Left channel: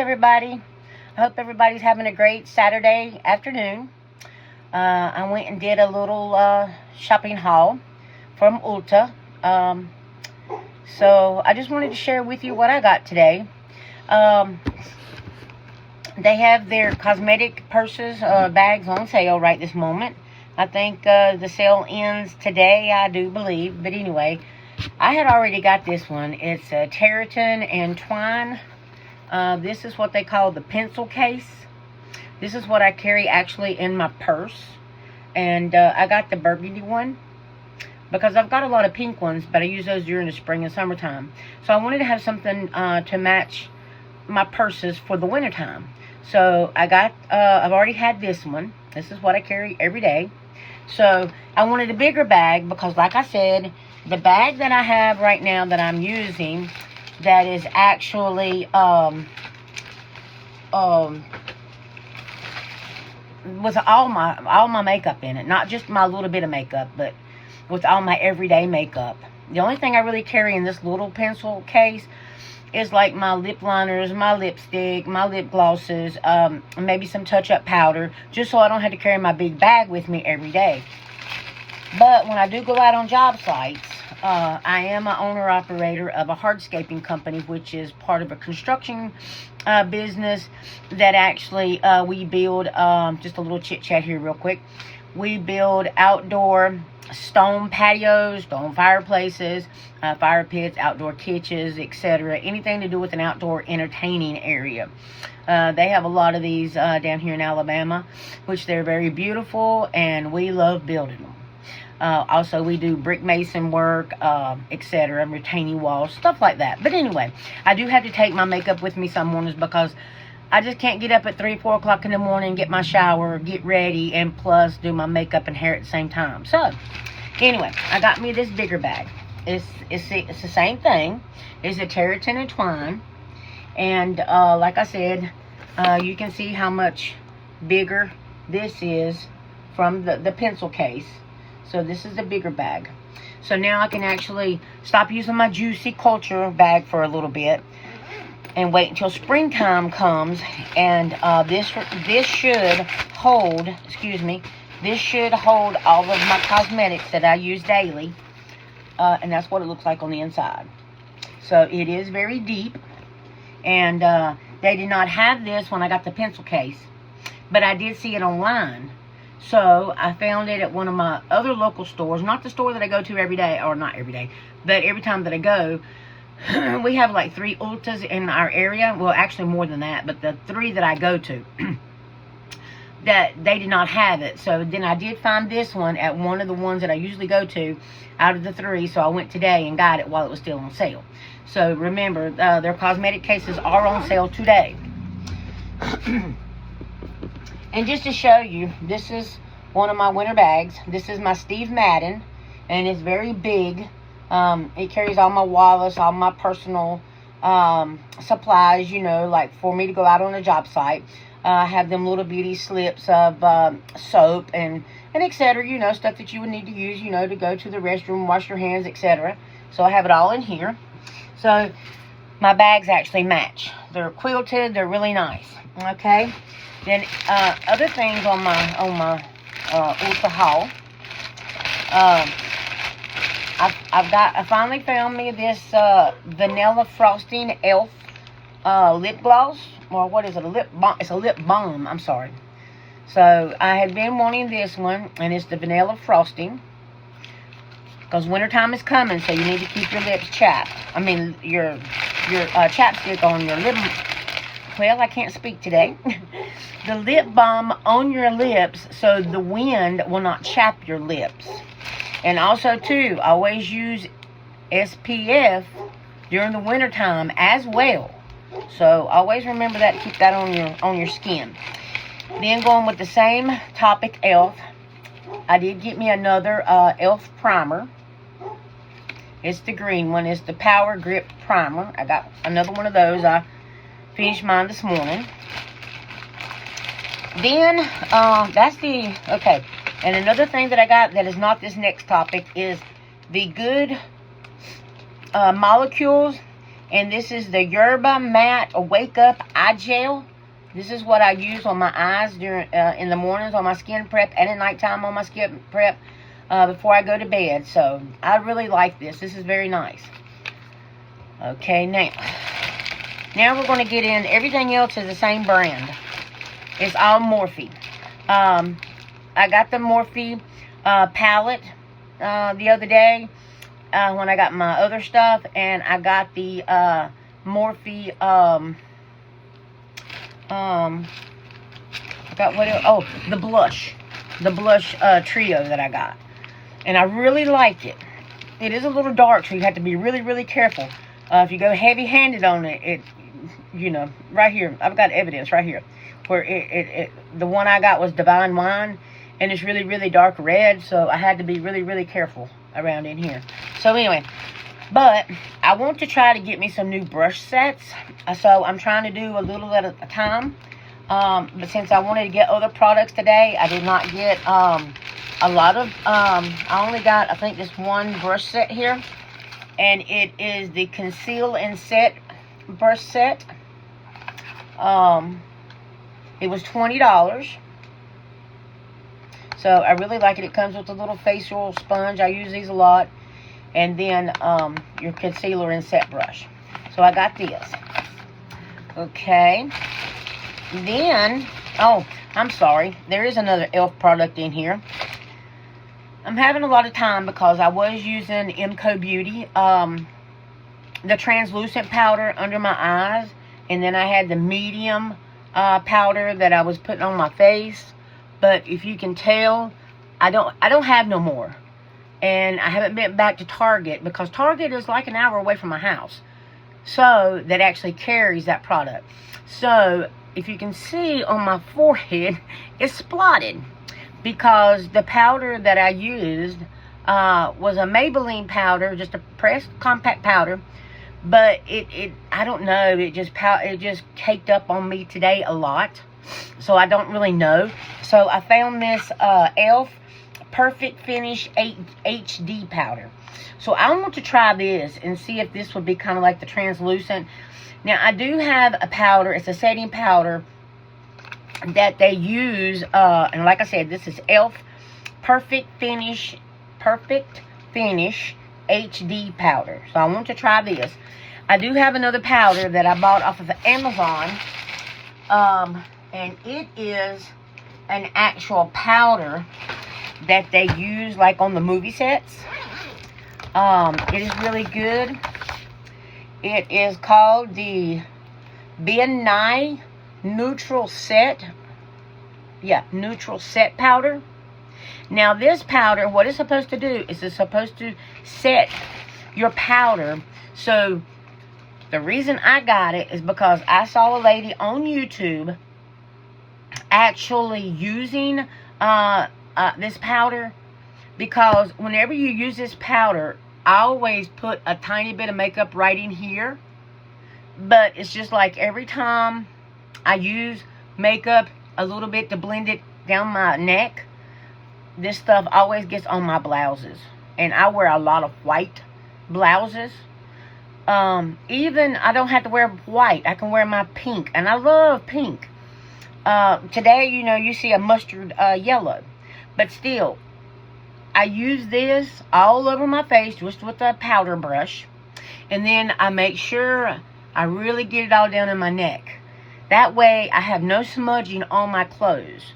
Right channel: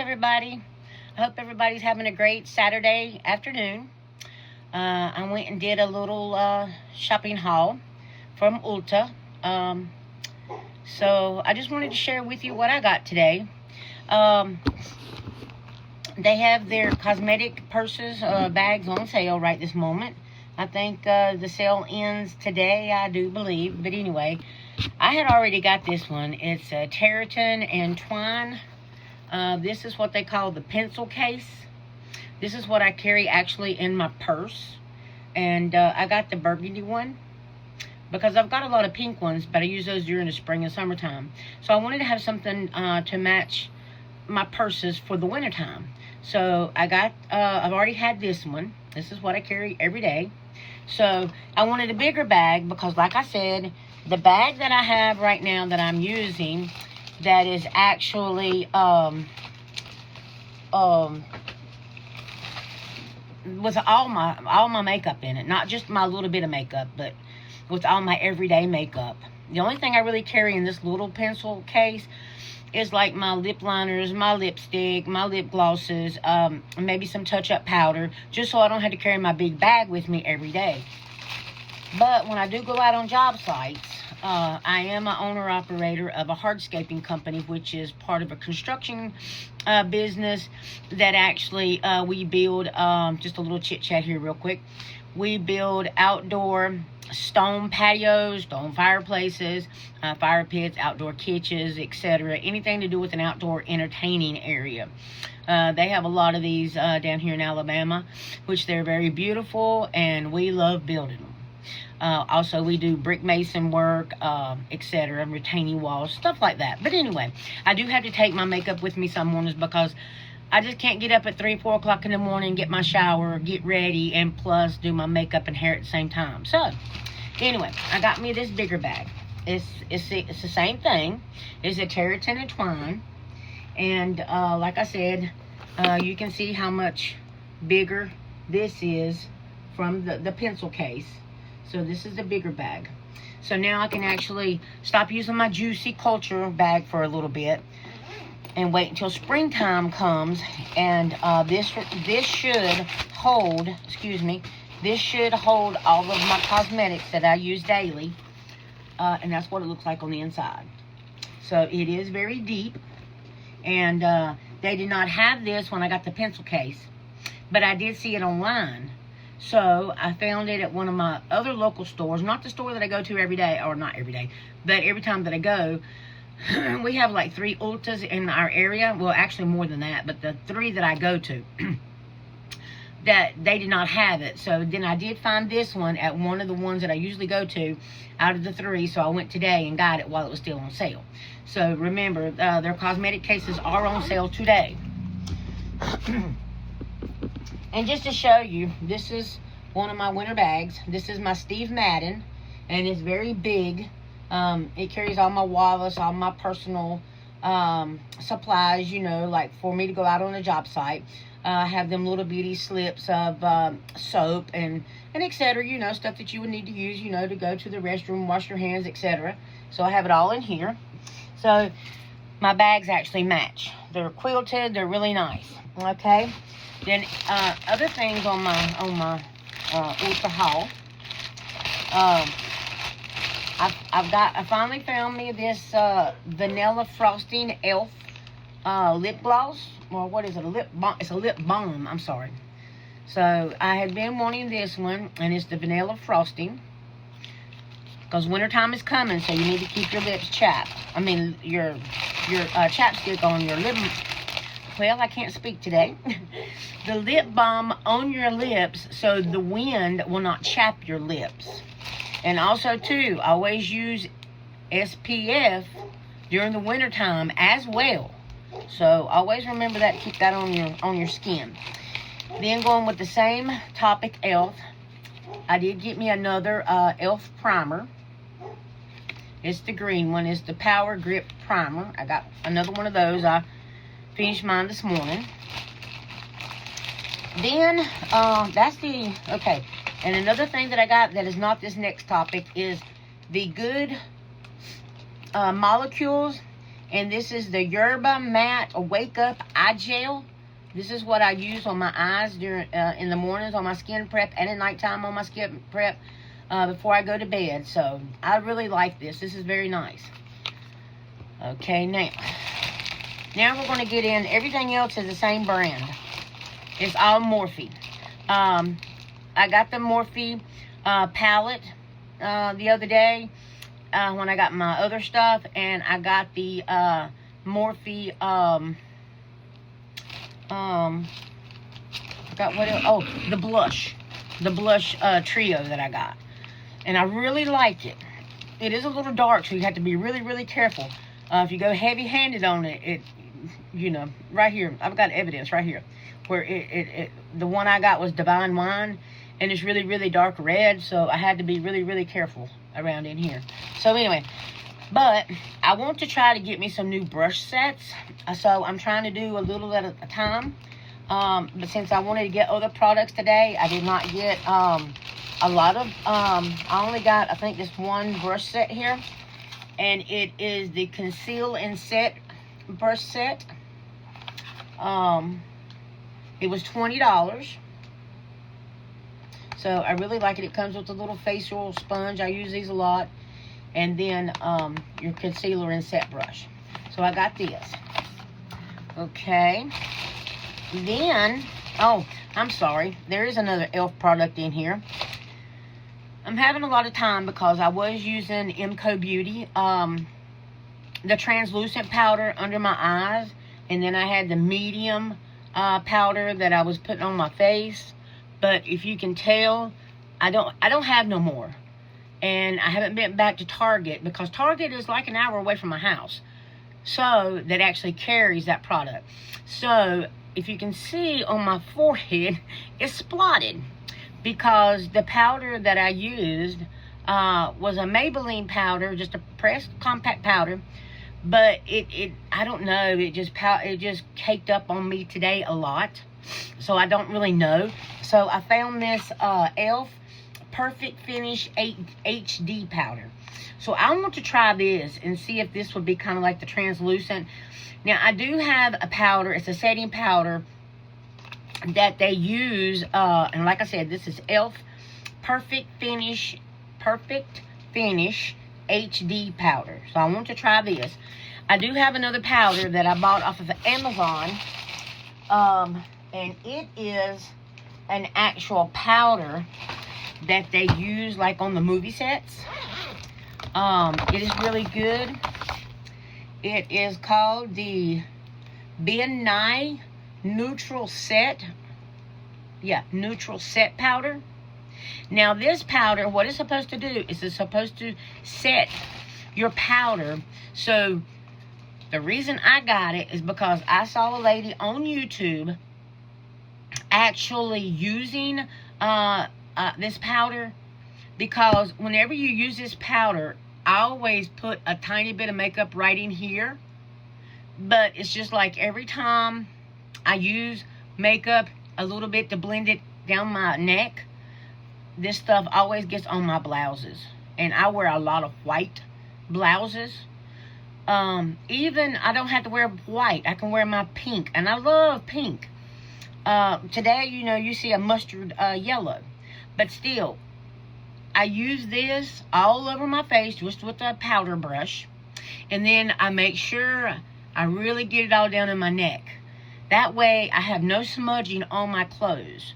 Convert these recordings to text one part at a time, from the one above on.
everybody. I hope everybody's having a great Saturday afternoon. I went and did a little shopping haul from Ulta. So I just wanted to share with you what I got today. They have their cosmetic purses, bags on sale right this moment. I think the sale ends today, I do believe. But anyway, I had already got this one. It's a terratin and twine. This is what they call the pencil case. This is what I carry actually in my purse. And I got the burgundy one because I've got a lot of pink ones, but I use those during the spring and summertime. So I wanted to have something to match my purses for the wintertime. So I got, I've already had this one. This is what I carry every day. So I wanted a bigger bag because, like I said, the bag that I have right now that I'm using, that is actually with all my makeup in it, not just my little bit of makeup, but with all my everyday makeup. The only thing I really carry in this little pencil case is like my lip liners, my lipstick, my lip glosses, maybe some touch-up powder, just so I don't have to carry my big bag with me every day. But when I do go out on job sites, I am an owner-operator of a hardscaping company, which is part of a construction business that actually we build, just a little chit-chat here real quick. We build outdoor stone patios, stone fireplaces, fire pits, outdoor kitchens, etc. Anything to do with an outdoor entertaining area. They have a lot of these down here in Alabama, which they're very beautiful, and we love building them. Also, we do brick mason work, etc., retaining walls, stuff like that. But anyway, I do have to take my makeup with me some mornings because I just can't get up at 3, 4 o'clock in the morning, get my shower, get ready, and plus do my makeup and hair at the same time. So, anyway, I got me this bigger bag. It's the same thing. It's a terratin and twine. And like I said, you can see how much bigger this is from the pencil case. So this is a bigger bag. So now I can actually stop using my Juicy Culture bag for a little bit and wait until springtime comes, and this should hold, this should hold all of my cosmetics that I use daily, and that's what it looks like on the inside. So it is very deep, and they did not have this when I got the pencil case, but I did see it online. So I found it at one of my other local stores, not the store that I go to every day, or not every day, but every time that I go. We have like 3 Ultas in our area. Well, actually more than that, but the 3 that I go to, that they did not have it. So then I did find this one at one of the ones that I usually go to out of the 3. So I went today and got it while it was still on sale. So remember, their cosmetic cases are on sale today. And just to show you, this is one of my winter bags. This is my Steve Madden, and it's very big. It carries all my wallets, all my personal supplies, you know, like for me to go out on a job site. I have them little bitty slips of soap and etc., you know, stuff that you would need to use, you know, to go to the restroom, wash your hands, etc. So I have it all in here. So my bags actually match. They're quilted. They're really nice. Okay. Then other things on my Ulta Haul. I finally found me this vanilla frosting elf lip gloss, or what is it? A lip balm. It's a lip balm. I'm sorry. So I had been wanting this one, and it's the vanilla frosting, because wintertime is coming, so you need to keep your lips chapped. I mean your chapstick on your lip. Well, I can't speak today. The lip balm on your lips so the wind will not chap your lips. And also, too, always use SPF during the wintertime as well. So always remember that. Keep that on your skin. Then going with the same topic, e.l.f. I did get me another e.l.f. primer. It's the green one. It's the Power Grip Primer. I got another one of those. I finished mine this morning. Then, okay. And another thing that I got that is not this next topic is the Good Molecules And this is the Yerba Matte Wake Up Eye Gel. This is what I use on my eyes during in the mornings on my skin prep, and at nighttime on my skin prep before I go to bed. So I really like this. This is very nice. Okay, now we're going to get in. Everything else is the same brand. It's all Morphe. I got the Morphe palette the other day when I got my other stuff, and I got the Morphe the blush trio that I got, and I really like it. It is a little dark, so you have to be really, really careful. If you go heavy-handed on it, you know, right here, I've got evidence right here where the one I got was Divine Wine, and it's really, really dark red, so I had to be really, really careful around in here. So anyway, but I want to try to get me some new brush sets, so I'm trying to do a little at a time. But since I wanted to get other products today, I did not get a lot of, I only got, I think, this one brush set here, and it is the Conceal and Set brush set. It was $20. So I really like it. It comes with a little facial sponge. I use these a lot. And then your concealer and set brush. So I got this. Okay. Then, oh, I'm sorry. There is another e.l.f. product in here. I'm having a lot of time because I was using MCO Beauty. The translucent powder under my eyes. And then I had the medium powder that I was putting on my face. But if you can tell, I don't have no more. And I haven't been back to Target because Target is like an hour away from my house. So, that actually carries that product. So, if you can see on my forehead, it's spotted. Because the powder that I used was a Maybelline powder, just a pressed compact powder. But I don't know, it just caked up on me today a lot. So I don't really know. So I found this e.l.f. Perfect Finish HD powder. So I want to try this and see if this would be kind of like the translucent. Now I do have a powder. It's a setting powder that they use. And like I said, this is e.l.f. Perfect Finish HD powder. So I want to try this. I do have another powder that I bought off of Amazon. And it is an actual powder that they use like on the movie sets. It is really good. It is called the Ben Nye Neutral Set. Yeah, Neutral Set powder. Now this powder, what it's supposed to do is it's supposed to set your powder. So the reason I got it is because I saw a lady on YouTube actually using this powder, because whenever you use this powder, I always put a tiny bit of makeup right in here, but it's just like every time I use makeup a little bit to blend it down my neck, this stuff always gets on my blouses, and I wear a lot of white blouses. Even I don't have to wear white, I can wear my pink, and I love pink. Today, you know, you see a mustard yellow. But still, I use this all over my face just with a powder brush. And then I make sure I really get it all down in my neck. That way, I have no smudging on my clothes.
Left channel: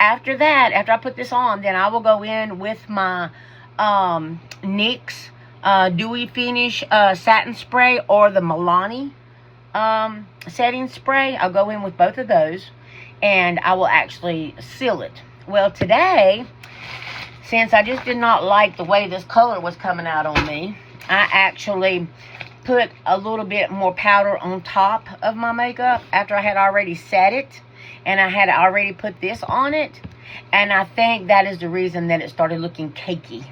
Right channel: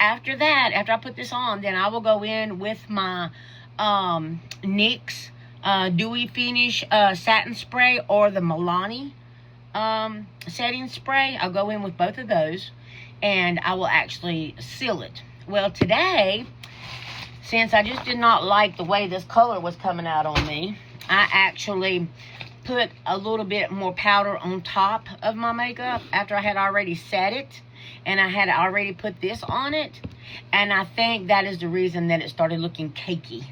After that, after I put this on, then I will go in with my NYX Dewy Finish Satin Spray or the Milani setting spray. I'll go in with both of those, and I will actually seal it. Well, today, since I just did not like the way this color was coming out on me, I actually put a little bit more powder on top of my makeup after I had already set it, and I had already put this on it, and I think that is the reason that it started looking cakey,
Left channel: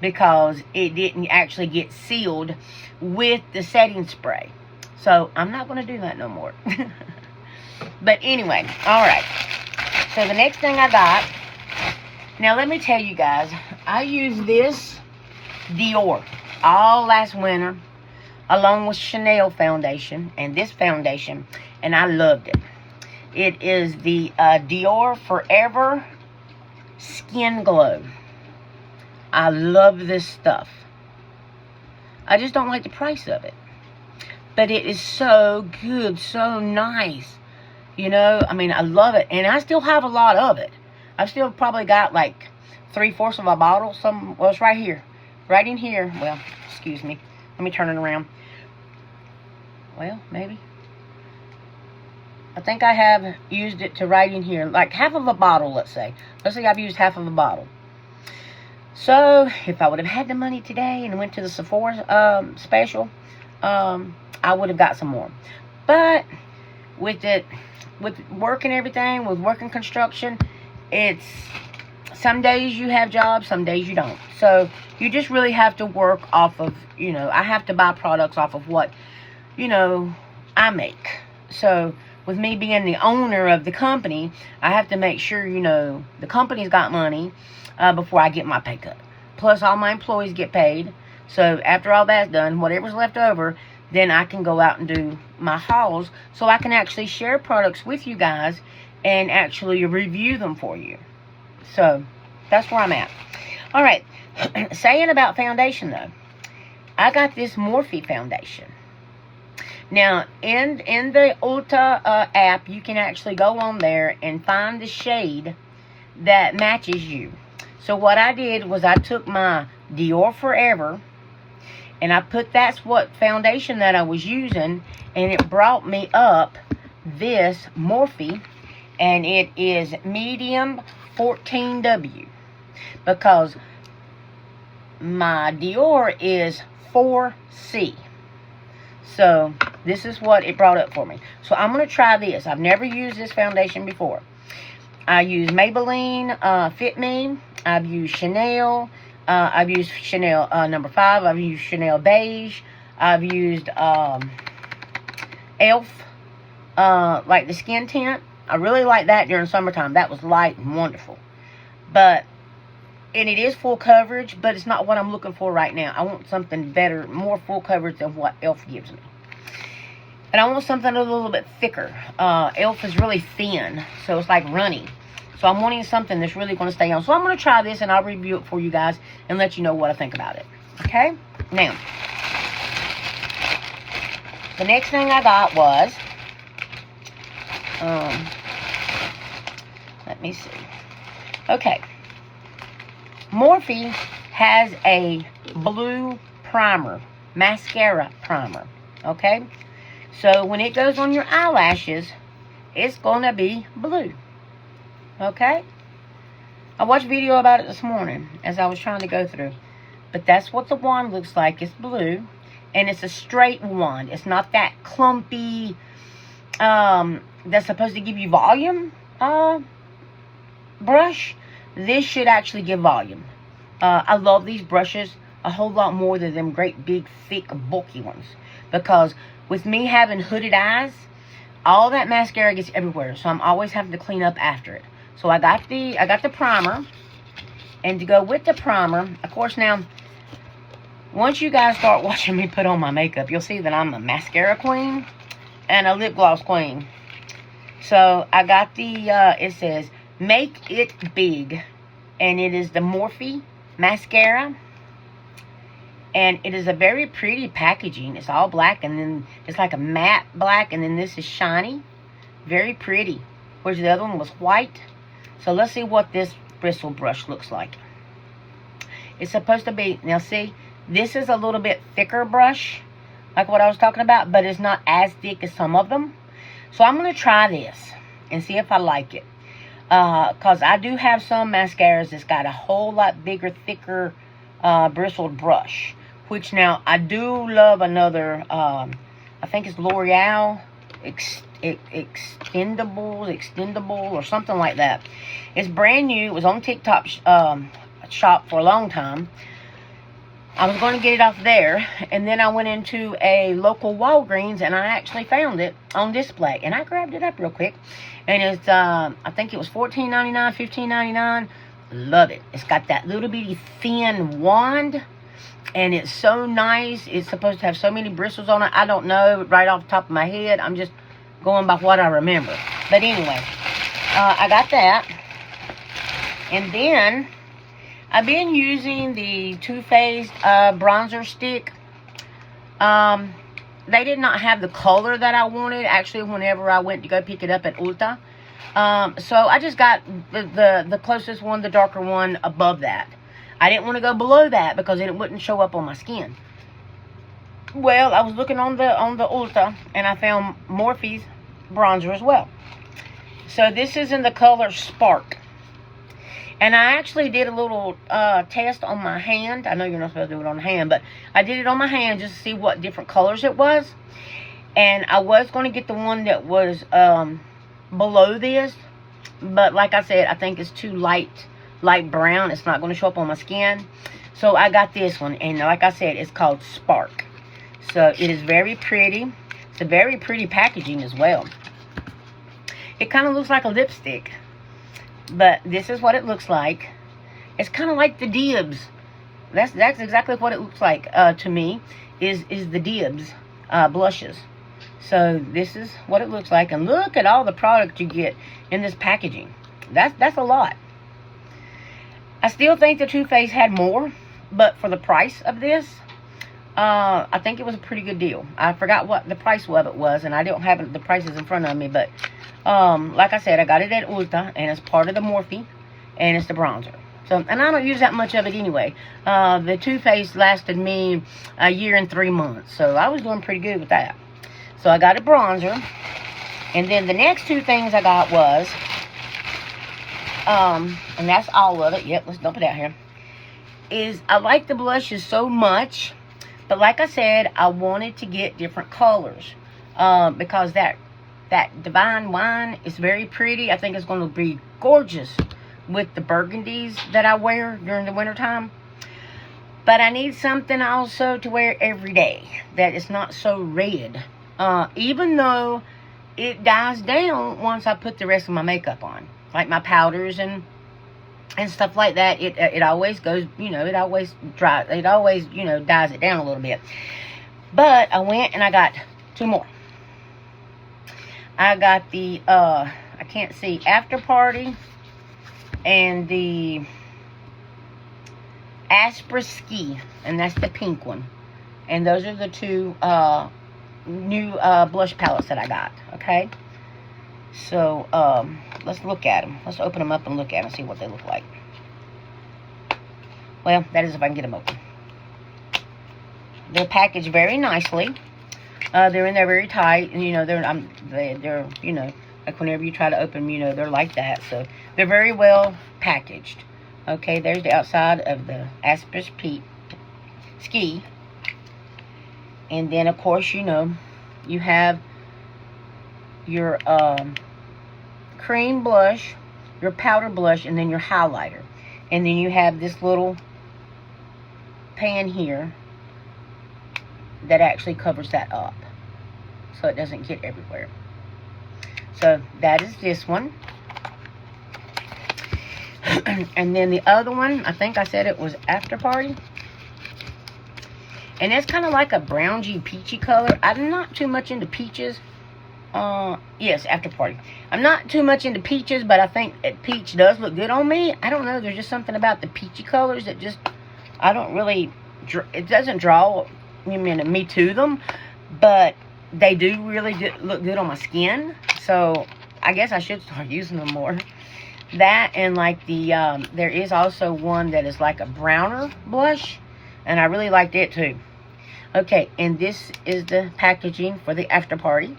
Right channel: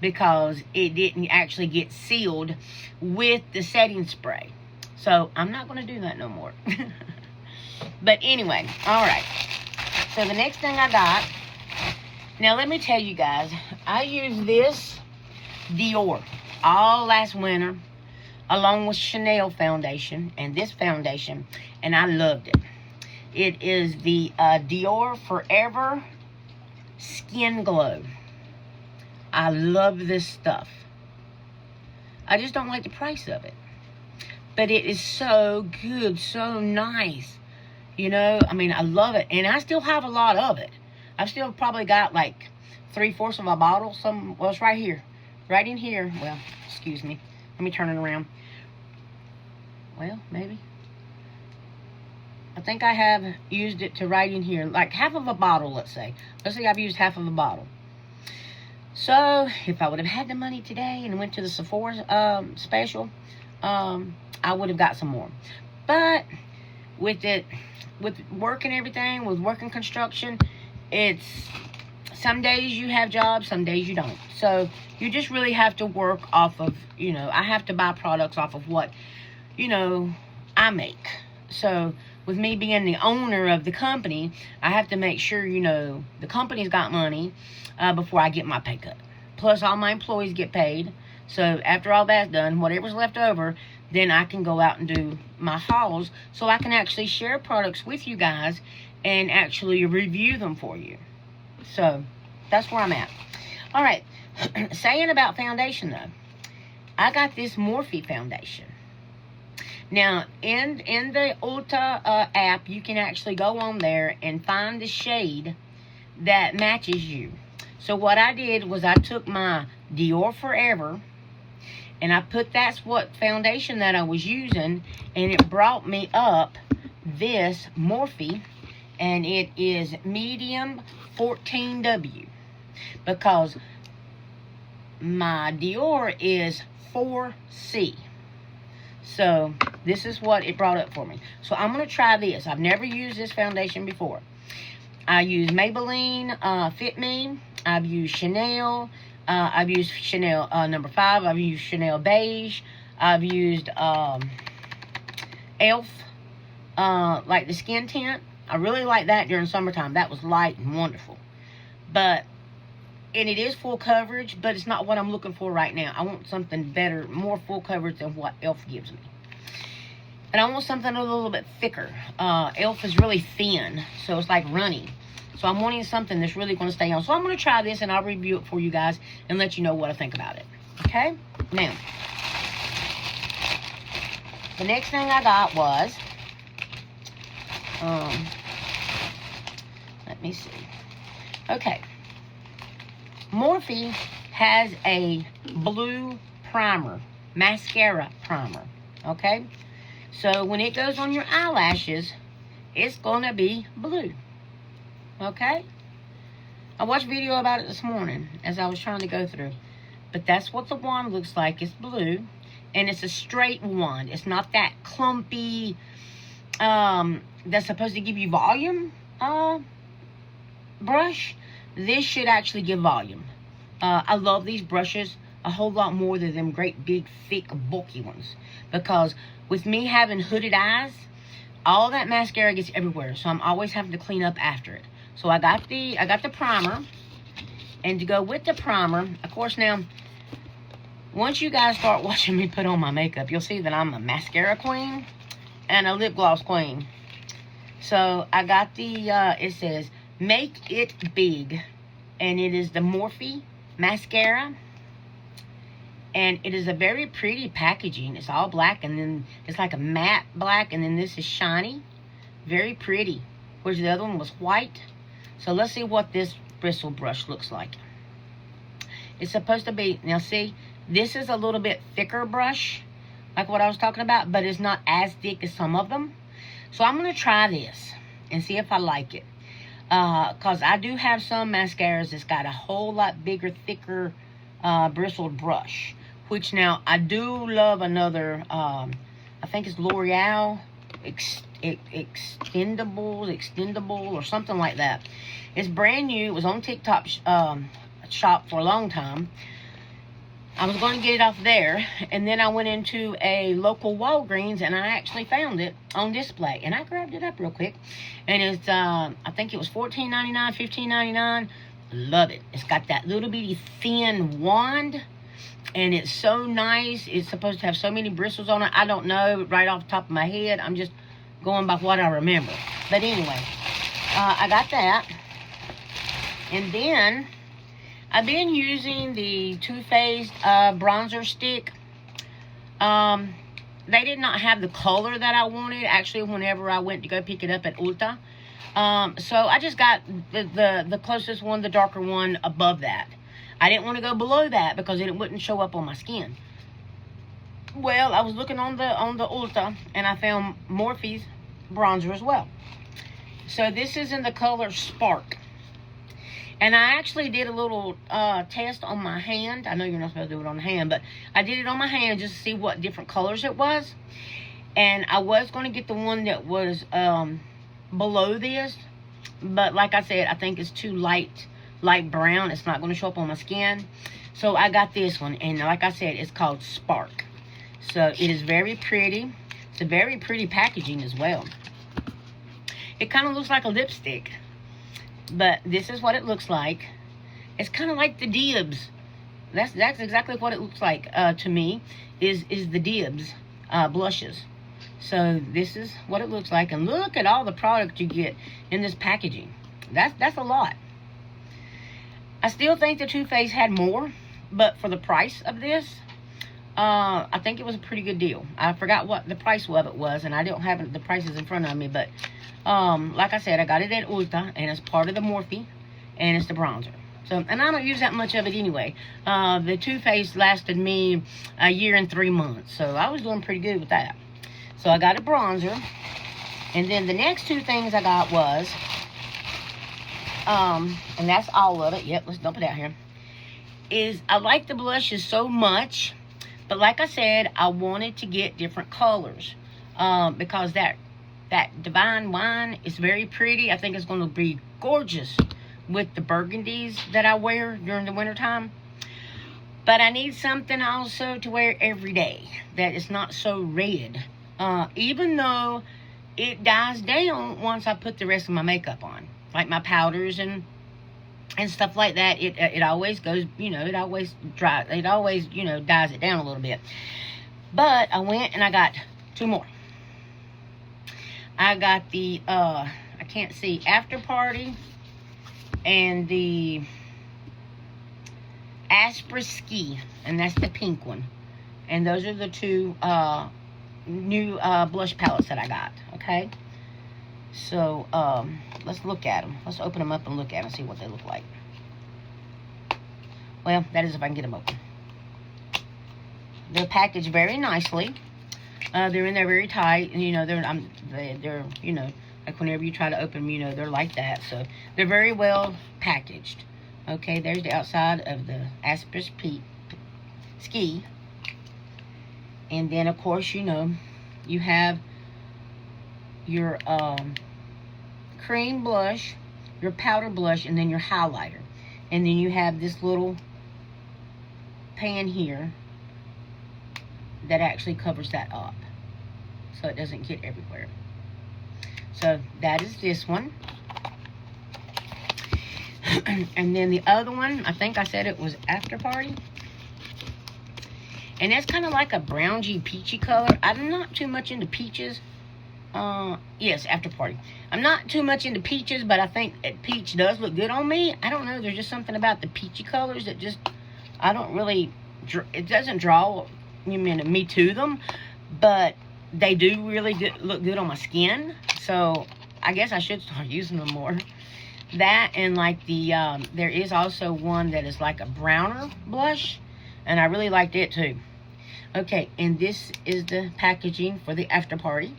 because it didn't actually get sealed with the setting spray. So, I'm not going to do that no more. But anyway, alright. So, the next thing I got. Now, let me tell you guys. I used this Dior all last winter. along with Chanel foundation and this foundation, and I loved it. It is the Dior Forever Skin Glow. I love this stuff. I just don't like the price of it. But it is so good, so nice. You know, I mean, I love it. And I still have a lot of it. I've still probably got like 3/4 of a bottle. Well, it's right here. Right in here. Well, excuse me. Let me turn it around. Well, maybe. I think I have used it to right in here. Like half of a bottle, let's say. Let's say I've used half of a bottle. So, if I would have had the money today and went to the Sephora special, I would have got some more. But with work and everything, with work and construction, it's some days you have jobs, some days you don't. So you just really have to work off of, you know, I have to buy products off of what, you know, I make. So with me being the owner of the company, I have to make sure, you know, the company's got money before I get my pay cut. Plus all my employees get paid. So after all that's done, whatever's left over, then I can go out and do my hauls so I can actually share products with you guys and actually review them for you. So that's where I'm at. All right. Saying about foundation, though, I got this Morphe foundation. Now, in the Ulta app, you can actually go on there and find the shade that matches you. So what I did was I took my Dior Forever, and I put that's what foundation that I was using, and it brought me up this Morphe, and it is medium 14W, because my Dior is 4C. So this is what it brought up for me. So I'm going to try this. I've never used this foundation before. I use Maybelline Fit Me. I've used Chanel. I've used Chanel number 5. I've used Chanel Beige. I've used e.l.f. Like the skin tint. I really like that during summertime. That was light and wonderful. And it is full coverage, but it's not what I'm looking for right now. I want something better, more full coverage than what e.l.f. gives me. And I want something a little bit thicker. e.l.f. is really thin, so it's like runny. So I'm wanting something that's really going to stay on. So I'm going to try this, and I'll review it for you guys and let you know what I think about it. Okay? Now, the next thing I got was, let me see. Okay. Morphe has a blue primer, mascara primer. Okay? So when it goes on your eyelashes, it's going to be blue. Okay? I watched a video about it this morning as I was trying to go through. But that's what the wand looks like. It's blue. And it's a straight wand. It's not that clumpy, that's supposed to give you volume brush. This should actually give volume. I love these brushes a whole lot more than them great big thick bulky ones. Because with me having hooded eyes, all that mascara gets everywhere. So I'm always having to clean up after it. So I got the primer, and to go with the primer, of course, now once you guys start watching me put on my makeup, you'll see that I'm a mascara queen and a lip gloss queen. So I got the it says Make It Big, and it is the Morphe mascara, and it is a very pretty packaging. It's all black, and then it's like a matte black, and then this is shiny, very pretty, whereas the other one was white. So let's see what this bristle brush looks like. It's supposed to be, now see, this is a little bit thicker brush, like what I was talking about, but it's not as thick as some of them. So I'm going to try this and see if I like it. Because I do have some mascaras that's got a whole lot bigger, thicker bristled brush. Which now, I do love another, I think it's L'Oreal extendable or something like that. It's brand new. It was on TikTok shop for a long time. I was going to get it off there, and then I went into a local Walgreens, and I actually found it on display, and I grabbed it up real quick, and it's I think it was $14.99, $15.99. Love it. It's got that little bitty thin wand, And it's so nice. It's supposed to have so many bristles on it. I don't know right off the top of my head. I'm just going by what I remember. But anyway, I got that. And then I've been using the Too Faced bronzer stick. They did not have the color that I wanted, actually, whenever I went to go pick it up at Ulta. So I just got the closest one, the darker one above that. I didn't want to go below that because it wouldn't show up on my skin. Well, I was looking on the Ulta, and I found Morphe's bronzer as well. So this is in the color Spark. And I actually did a little test on my hand. I know you're not supposed to do it on the hand, but I did it on my hand just to see what different colors it was. And I was going to get the one that was below this. But like I said, I think it's too light brown. It's not going to show up on my skin. So I got this one. And like I said, it's called Spark. So it is very pretty. It's a very pretty packaging as well. It kind of looks like a lipstick. But this is what it looks like. It's kind of like the Dibs. That's exactly what it looks like to me. Is the Dibs blushes. So this is what it looks like. And look at all the product you get in this packaging. That's a lot. I still think the Too Faced had more. But for the price of this, I think it was a pretty good deal. I forgot what the price of it was. And I don't have the prices in front of me. But like I said, I got it at Ulta, and it's part of the Morphe, and it's the bronzer. So, and I don't use that much of it anyway. The Too Faced lasted me a year and 3 months, so I was doing pretty good with that. So I got a bronzer, and then the next two things I got was, and that's all of it. Yep, let's dump it out here. Is I like the blushes so much, but like I said, I wanted to get different colors because that Divine Wine is very pretty. I think it's going to be gorgeous with the burgundies that I wear during the wintertime. But I need something also to wear every day that is not so red. Even though it dies down once I put the rest of my makeup on. Like my powders and stuff like that. It always goes, it always dries. It always, dies it down a little bit. But I went and I got two more. I got the, I can't see, After Party and the Aspra Ski. And that's the pink one. And those are the two new blush palettes that I got. Okay? So, let's look at them. Let's open them up and look at them and see what they look like. Well, that is if I can get them open. They're packaged very nicely. They're in there very tight, and they're like whenever you try to open them, they're like that. So they're very well packaged. Okay, there's the outside of the Aspris Ski, and then of course you have your cream blush, your powder blush, and then your highlighter, and then you have this little pan here that actually covers that up so it doesn't get everywhere. So that is this one. And then the other one, I think I said it was After Party. And that's kind of like a browny peachy color. I'm not too much into peaches. Yes, After Party. I'm not too much into peaches, but I think peach does look good on me. I don't know, there's just something about the peachy colors that just, I don't really, it doesn't draw me to them, but they do really look good on my skin. So I guess I should start using them more. That and like the there is also one that is like a browner blush, and I really liked it too. Okay, and this is the packaging for the After Party.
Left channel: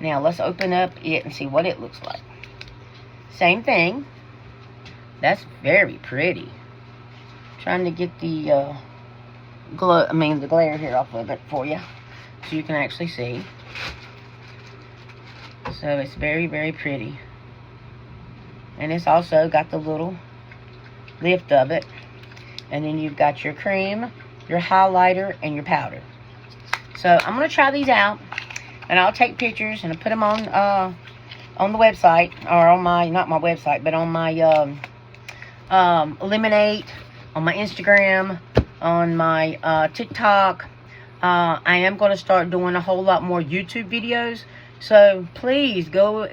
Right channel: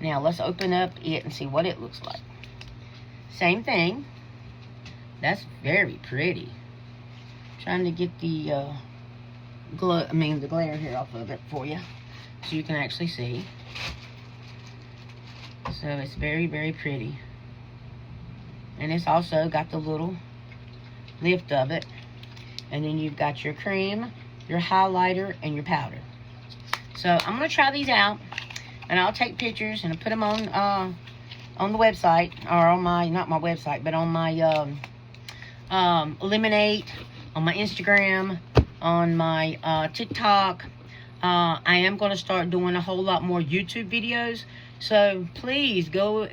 Now let's open up it and see what it looks like. Same thing. That's very pretty. Trying to get the the glare here off of it for you, so you can actually see. So it's very, very pretty. And it's also got the little lift of it. And then you've got your cream, your highlighter, and your powder. So I'm going to try these out. And I'll take pictures and I'll put them on the website. Or on my, not my website, but on my Eliminate, on my Instagram, on my TikTok. I am going to start doing a whole lot more YouTube videos. So please go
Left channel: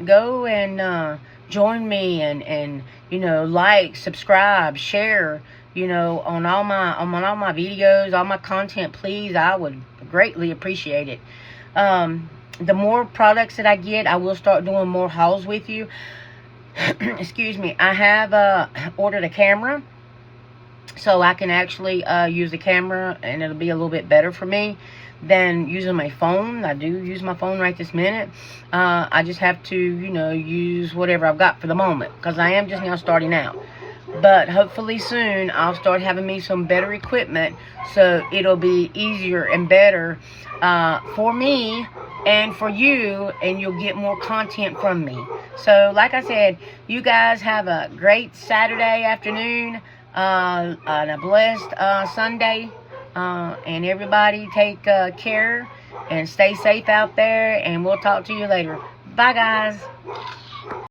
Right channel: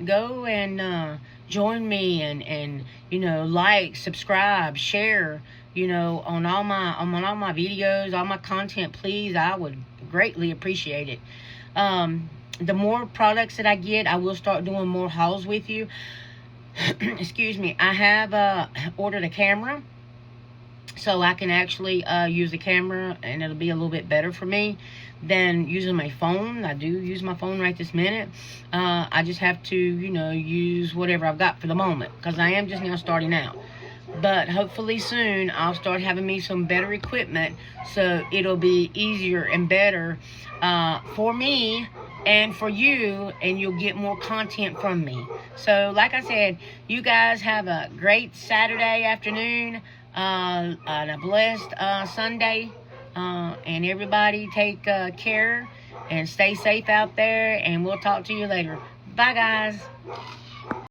and join me and you know, like, subscribe, share, you know, on all my videos, all my content. Please, I would greatly appreciate it. The more products that I get, I will start doing more hauls with you. Excuse me. I have ordered a camera, so I can actually use the camera, and it'll be a little bit better for me than using my phone. I do use my phone right this minute. I just have to, you know, use whatever I've got for the moment, because I am just now starting out. But hopefully soon I'll start having me some better equipment, so it'll be easier and better for me and for you, and you'll get more content from me. So like I said, you guys have a great Saturday afternoon, and a blessed Sunday, and everybody take care and stay safe out there, and we'll talk to you later. Bye, guys.